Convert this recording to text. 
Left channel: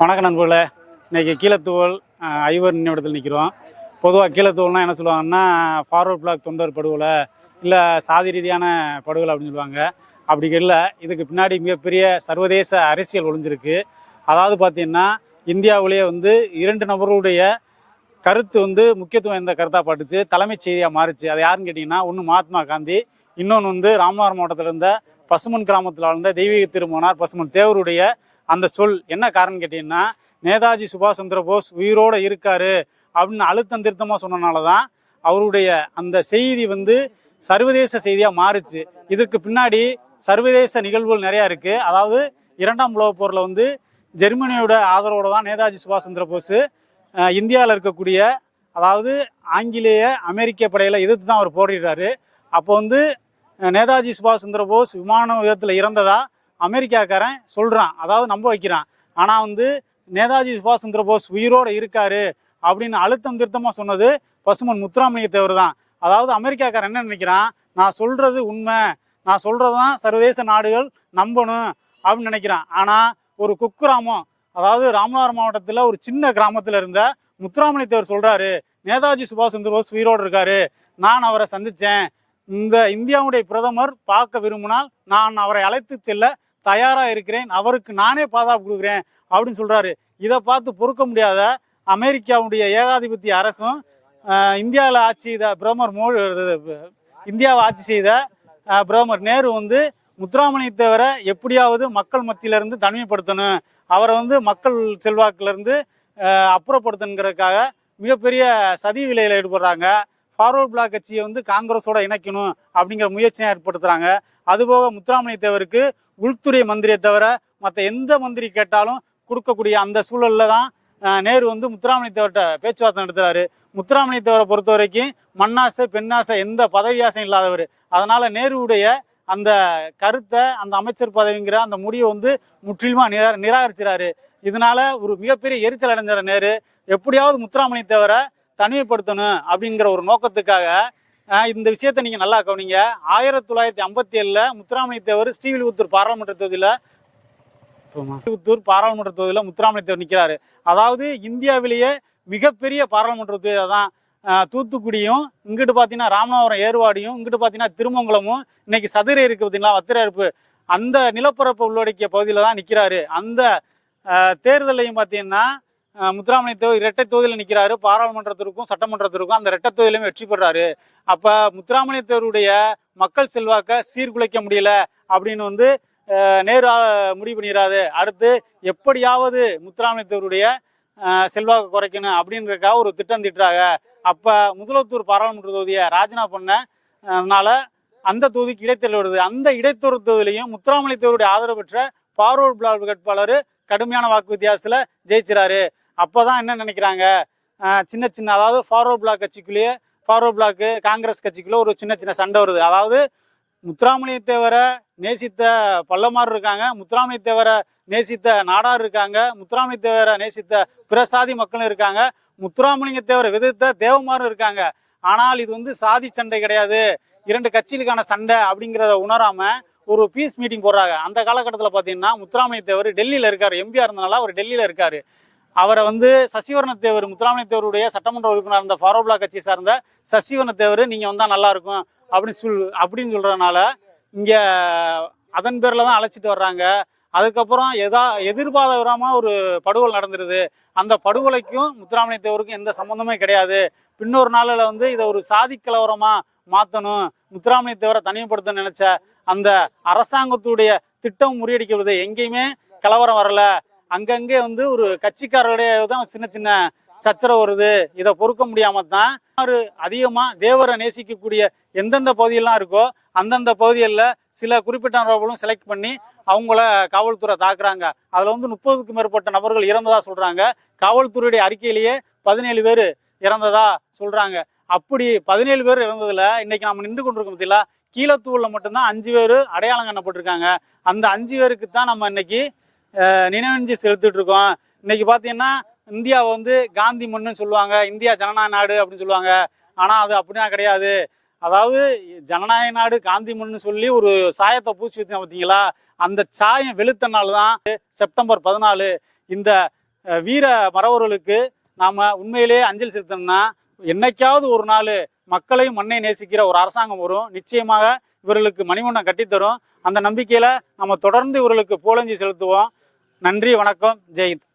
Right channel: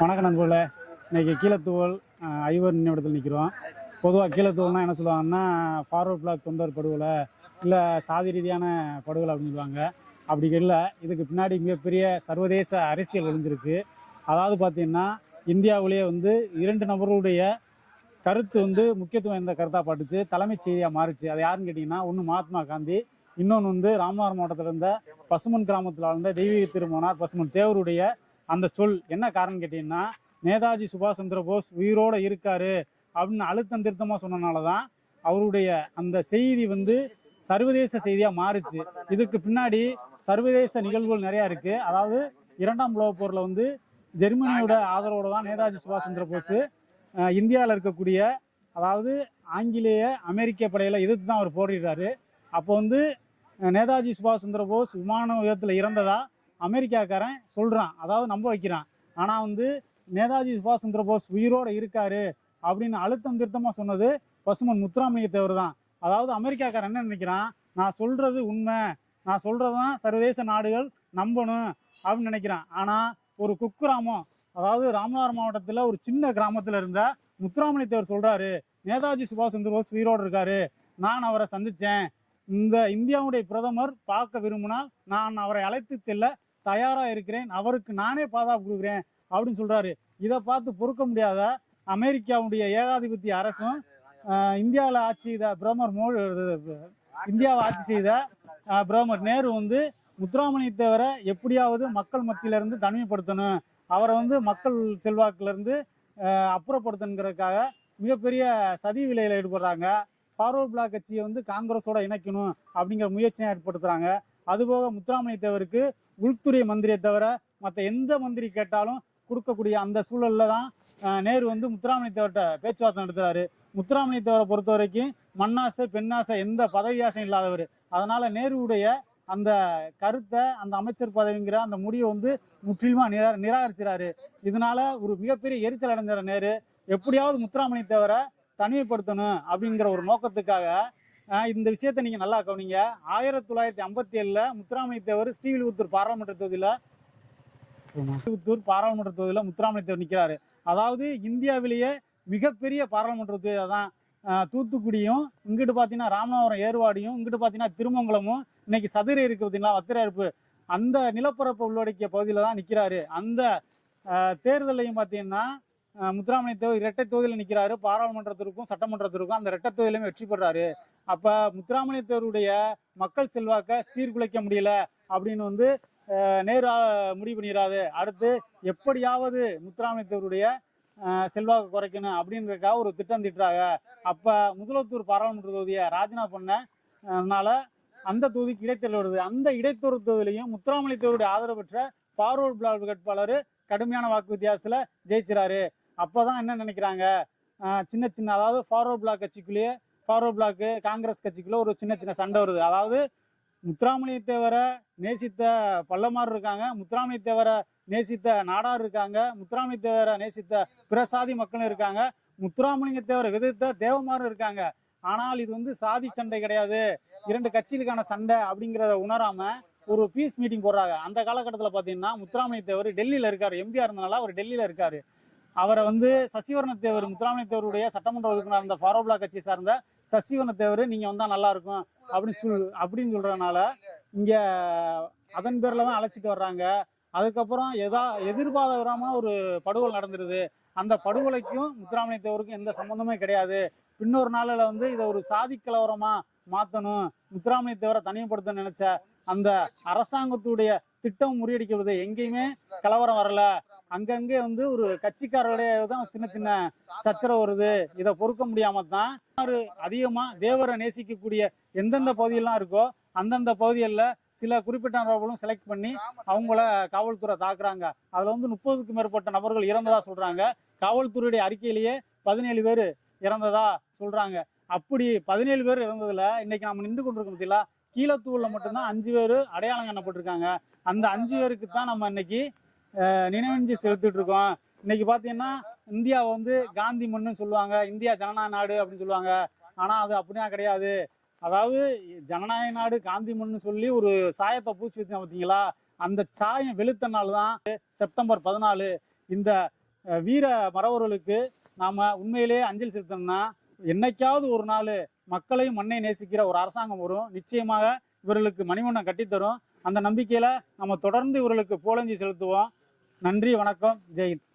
வணக்கம் நண்பர்களே. இன்றைக்கி கீழத்தூவல் ஐவர் நினைவிடத்தில் நிற்கிறோம். பொதுவாக கீழத்தூவல்னால் என்ன சொல்லுவாங்கன்னா, ஃபார்வர்ட் பிளாக் தொண்டர் படுகொலை இல்லை சாதி ரீதியான படுகொலை அப்படின்னு சொல்லுவாங்க. அப்படி இல்லை, இதுக்கு பின்னாடி மிகப்பெரிய சர்வதேச அரசியல் ஒளிஞ்சிருக்கு. அதாவது பார்த்தீங்கன்னா, இந்தியாவிலேயே இரண்டு நபர்களுடைய கருத்து முக்கியத்துவம் எந்த கருத்தாக பட்டுச்சு, தலைமைச் செய்தியாக மாறிச்சு. அது யாருன்னு கேட்டிங்கன்னா, ஒன்று மகாத்மா காந்தி, இன்னொன்று ராமநாதபுரம் மாவட்டத்தில் இருந்த பசுமன் கிராமத்தில் வாழ்ந்த தெய்வீக திருமணார் பசுமன் தேவருடைய அந்த சொல். என்ன காரணம் கேட்டீங்கன்னா, நேதாஜி சுபாஷ் சந்திர போஸ் உயிரோடு இருக்காரு அப்படின்னு அழுத்தம் திருத்தமாக சொன்னனால தான் அவருடைய அந்த செய்தி சர்வதேச செய்தியாக மாறுச்சு. இதற்கு பின்னாடி சர்வதேச நிகழ்வுகள் நிறையா இருக்குது. அதாவது இரண்டாம் உலகப் போரில் ஜெர்மனியோட ஆதரவோடு தான் நேதாஜி சுபாஷ் சந்திர போஸ் இந்தியாவில் இருக்கக்கூடிய அதாவது ஆங்கிலேய அமெரிக்க படையில் எதிர்த்து தான் அவர் போரிடுறாரு. அப்போ நேதாஜி சுபாஷ் சந்திர போஸ் விமான விபத்தில் இறந்ததா அமெரிக்காக்காரன் சொல்கிறான், அதாவது நம்ப வைக்கிறான். ஆனால் நேதாஜி சுபாஷ் சந்திர போஸ் உயிரோடு இருக்காரு அப்படின்னு அழுத்தம் திருத்தமாக சொன்னது பசுமன் முத்துராமலிங்க தேவர் தான். அதாவது அமெரிக்காக்காரன் என்ன நினைக்கிறான், நான் சொல்கிறது உண்மை, நான் சொல்கிறது தான் சர்வதேச நாடுகள் நம்பணும் அப்படின்னு நினைக்கிறான். ஆனால் ஒரு குக்கிராமம், அதாவது ராமநாதபுரம் மாவட்டத்தில் ஒரு சின்ன கிராமத்தில் இருந்த முத்துராமலிங்க தேவர் சொல்கிறாரு, நேதாஜி சுபாஷ் சந்திர போஸ் உயிரோடு இருக்காரு, நான் அவரை சந்தித்தேன், இந்த இந்தியாவுடைய பிரதமர் பார்க்க விரும்பினால் நான் அவரை அழைத்து செல்ல தயாராக இருக்கிறேன், அவருக்கு நானே பாதுகாப்பு கொடுக்குறேன் அப்படின்னு சொல்கிறாரு. இதை பார்த்து பொறுக்க முடியாத அமெரிக்காவுடைய ஏகாதிபத்திய அரசும் இந்தியாவில் ஆட்சி செய்த இந்தியாவை ஆட்சி செய்த பிரதமர் நேரு முத்துராமலிங்க தேவரை எப்படியாவது மக்கள் மத்தியிலிருந்து தனிமைப்படுத்தணும், அவரை மக்கள் செல்வாக்கிலிருந்து அப்புறப்படுத்தணுங்கிறதுக்காக மிகப்பெரிய சதி விலையில் ஈடுபடுறாங்க. ஃபார்வர்ட் பிளாக் கட்சியை காங்கிரஸோட இணைக்கணும் அப்படிங்கிற முயற்சியை ஏற்படுத்துகிறாங்க. அதுபோக முத்துராமலிங்க தேவருக்கு உள்துறை மந்திரியை தவிர மற்ற எந்த மந்திரி கேட்டாலும் கொடுக்கக்கூடிய அந்த சூழலில் தான் நேரு முத்துராமலிங்க தேவர்கிட்ட பேச்சுவார்த்தை நடத்துகிறாரு. முத்துராமலிங்க தேவரை பொறுத்த வரைக்கும் மண்ணாசை பெண்ணாசை எந்த பதவி ஆசையும் இல்லாதவர். அதனால் நேருவுடைய அந்த கருத்தை, அந்த அமைச்சர் பதவிங்கிற அந்த முடிவை முற்றிலுமாக நிராகரிக்கிறாரு. இதனால ஒரு மிகப்பெரிய எரிச்சல் அடைஞ்சார் நேரு. எப்படியாவது முத்துராமலிங்க தேவரை தனிமைப்படுத்தணும் அப்படிங்கிற ஒரு நோக்கத்துக்காக இந்த விஷயத்தை நீங்கள் நல்லா கவனிங்க. 1957 முத்துராமலிங்க தேவர் ஸ்ரீவில்லிபுத்தூர் பாராளுமன்ற தொகுதியில் முத்துராமலிங்க தேவர் நிற்கிறாரு. அதாவது இந்தியாவிலேயே மிகப்பெரிய பாராளுமன்ற தொகுதி தான். தூத்துக்குடியும், இங்கிட்டு பார்த்தீங்கன்னா ராமநாதபுரம் ஏர்வாடியும், இங்கிட்டு பார்த்தீங்கன்னா திருமங்கலமும், இன்னைக்கு சதுரை இருக்கு பார்த்தீங்களா, வத்திரப்பு, அந்த நிலப்பரப்பு உள்ளடக்கிய பகுதியில் தான் நிற்கிறாரு. அந்த தேர்தலையும் பார்த்தீங்கன்னா முத்துராமலிங்க தேவர் இரட்டை தொகுதியில் நிற்கிறாரு. பாராளுமன்றத்திற்கும் சட்டமன்றத்திற்கும் அந்த இரட்டை தொகுதியிலுமே வெற்றி பெறாரு. அப்போ முத்துராமலிங்க தேவருடைய மக்கள் செல்வாக்கை சீர்குலைக்க முடியல அப்படின்னு நேரு முடிவு பண்ணிடாது. அடுத்து எப்படியாவது முத்துராமலிங்க தேவருடைய செல்வாக்கு குறைக்கணும் அப்படின்றதுக்காக ஒரு திட்டம் திட்டுறாங்க. அப்போ முதலத்தூர் பாராளுமன்ற தொகுதியை ராஜினாமா பண்ணனால அந்த தொகுதிக்கு இடைத்தேர்தல் வருது. அந்த இடைத்தேர்தல் தொகுதியிலையும் முத்துராமலிங்க தேவருடைய ஆதரவு பெற்ற ஃபார்வர்ட் பிளாக் வேட்பாளர் கடுமையான வாக்கு வித்தியாசத்தில் ஜெயிச்சிறாரு. அப்போதான் என்ன நினைக்கிறாங்க, சின்ன சின்ன அதாவது ஃபார்வர்ட் பிளாக் கட்சிக்குள்ளேயே, ஃபார்வர்ட் பிளாக்கு காங்கிரஸ் கட்சிக்குள்ளே ஒரு சின்ன சின்ன சண்டை வருது. அதாவது முத்துராமலிங்க தேவரை நேசித்த பல்லமார் இருக்காங்க, முத்துராமலிங்க தேவரை நேசித்த நாடார் இருக்காங்க, முத்துராமலிங்க தேவரை நேசித்த பிற சாதி மக்களும் இருக்காங்க, முத்துராமலிங்க தேவரை எதிர்த்த தேவமாரும் இருக்காங்க. ஆனால் இது சாதி சண்டை கிடையாது, இரண்டு கட்சிகளுக்கான சண்டை அப்படிங்கிறத உணராம ஒரு பீஸ் மீட்டிங் போடுறாங்க. அந்த காலகட்டத்தில் பார்த்தீங்கன்னா முத்துராமலிங்க தேவர் டெல்லியில் இருக்காரு, எம்பியா இருந்தனால அவர் டெல்லியில் இருக்காரு. அவரை சசிவர்ண தேவர், முத்துராமலிங்க தேவருடைய சட்டமன்ற உறுப்பினர் இருந்த ஃபார்வர்ட் பிளாக் கட்சியை சார்ந்த சசிவர்ண தேவர் நீங்கள் வந்தால் நல்லா இருக்கும் அப்படின்னு சொல்றதுனால இங்கே அதன் பேரில் தான் அழைச்சிட்டு வர்றாங்க. அதுக்கப்புறம் எதிர்பாராம ஒரு படுகொலை நடந்துருது. அந்த படுகொலைக்கும் முத்துராமலிங்க தேவருக்கும் எந்த சம்மந்தமே கிடையாது. பின்னொரு நாளில் இதை ஒரு சாதி கலவரமாக மாற்றணும், முத்துராமலிங்க தேவரை தனிமைப்படுத்த நினைச்ச அந்த அரசாங்கத்துடைய திட்டம் முறியடிக்கிறது. எங்கேயுமே கலவரம் வரல, அங்கங்கே ஒரு கட்சிக்காரருடைய தான் சின்ன சின்ன சச்சரவு வருது. இதை பொறுக்க முடியாம தான் அதிகமா தேவரை நேசிக்கக்கூடிய எந்தெந்த பகுதியெல்லாம் இருக்கோ அந்தந்த பகுதிகளில் சில குறிப்பிட்ட நபர்களும் செலக்ட் பண்ணி அவங்கள காவல்துறை தாக்குறாங்க. அதுல 30க்கும் மேற்பட்ட நபர்கள் இறந்ததா சொல்றாங்க. காவல்துறையுடைய அறிக்கையிலேயே 17 பேர் இறந்ததா சொல்றாங்க. அப்படி 17 பேர் இறந்ததுல இன்னைக்கு நம்ம நின்று கொண்டிருக்க பத்தியில கீழத்தூர்ல மட்டும்தான் 5 பேர் அடையாளம் காணப்பட்டிருக்காங்க. அந்த 5 பேருக்கு தான் நம்ம இன்னைக்கு நினைவஞ்சு செலுத்திட்டு இருக்கோம். இன்னைக்கு பாத்தீங்கன்னா இந்தியாவை காந்தி மண்ணுன்னு சொல்லுவாங்க, இந்தியா ஜனநாயக நாடு அப்படின்னு சொல்லுவாங்க. ஆனா அது அப்படிதான் கிடையாது. அதாவது ஜனநாயக நாடு காந்தி மண்ணுன்னு சொல்லி ஒரு சாயத்தை பூச்சி வச்சு பார்த்தீங்களா, அந்த சாயம் வெளுத்த நாள் தான் செப்டம்பர் 14. இந்த வீர மறவர்களுக்கு நாம் உண்மையிலேயே அஞ்சலி செலுத்தணும்னா என்னைக்காவது ஒரு நாள் மக்களையும் மண்ணை நேசிக்கிற ஒரு அரசாங்கம் வரும். நிச்சயமாக இவர்களுக்கு மணிமண்டபம் கட்டித்தரும். அந்த நம்பிக்கையில் நம்ம தொடர்ந்து இவர்களுக்கு புகழஞ்சலி செலுத்துவோம். நன்றி, வணக்கம், ஜெயஹிந்த்.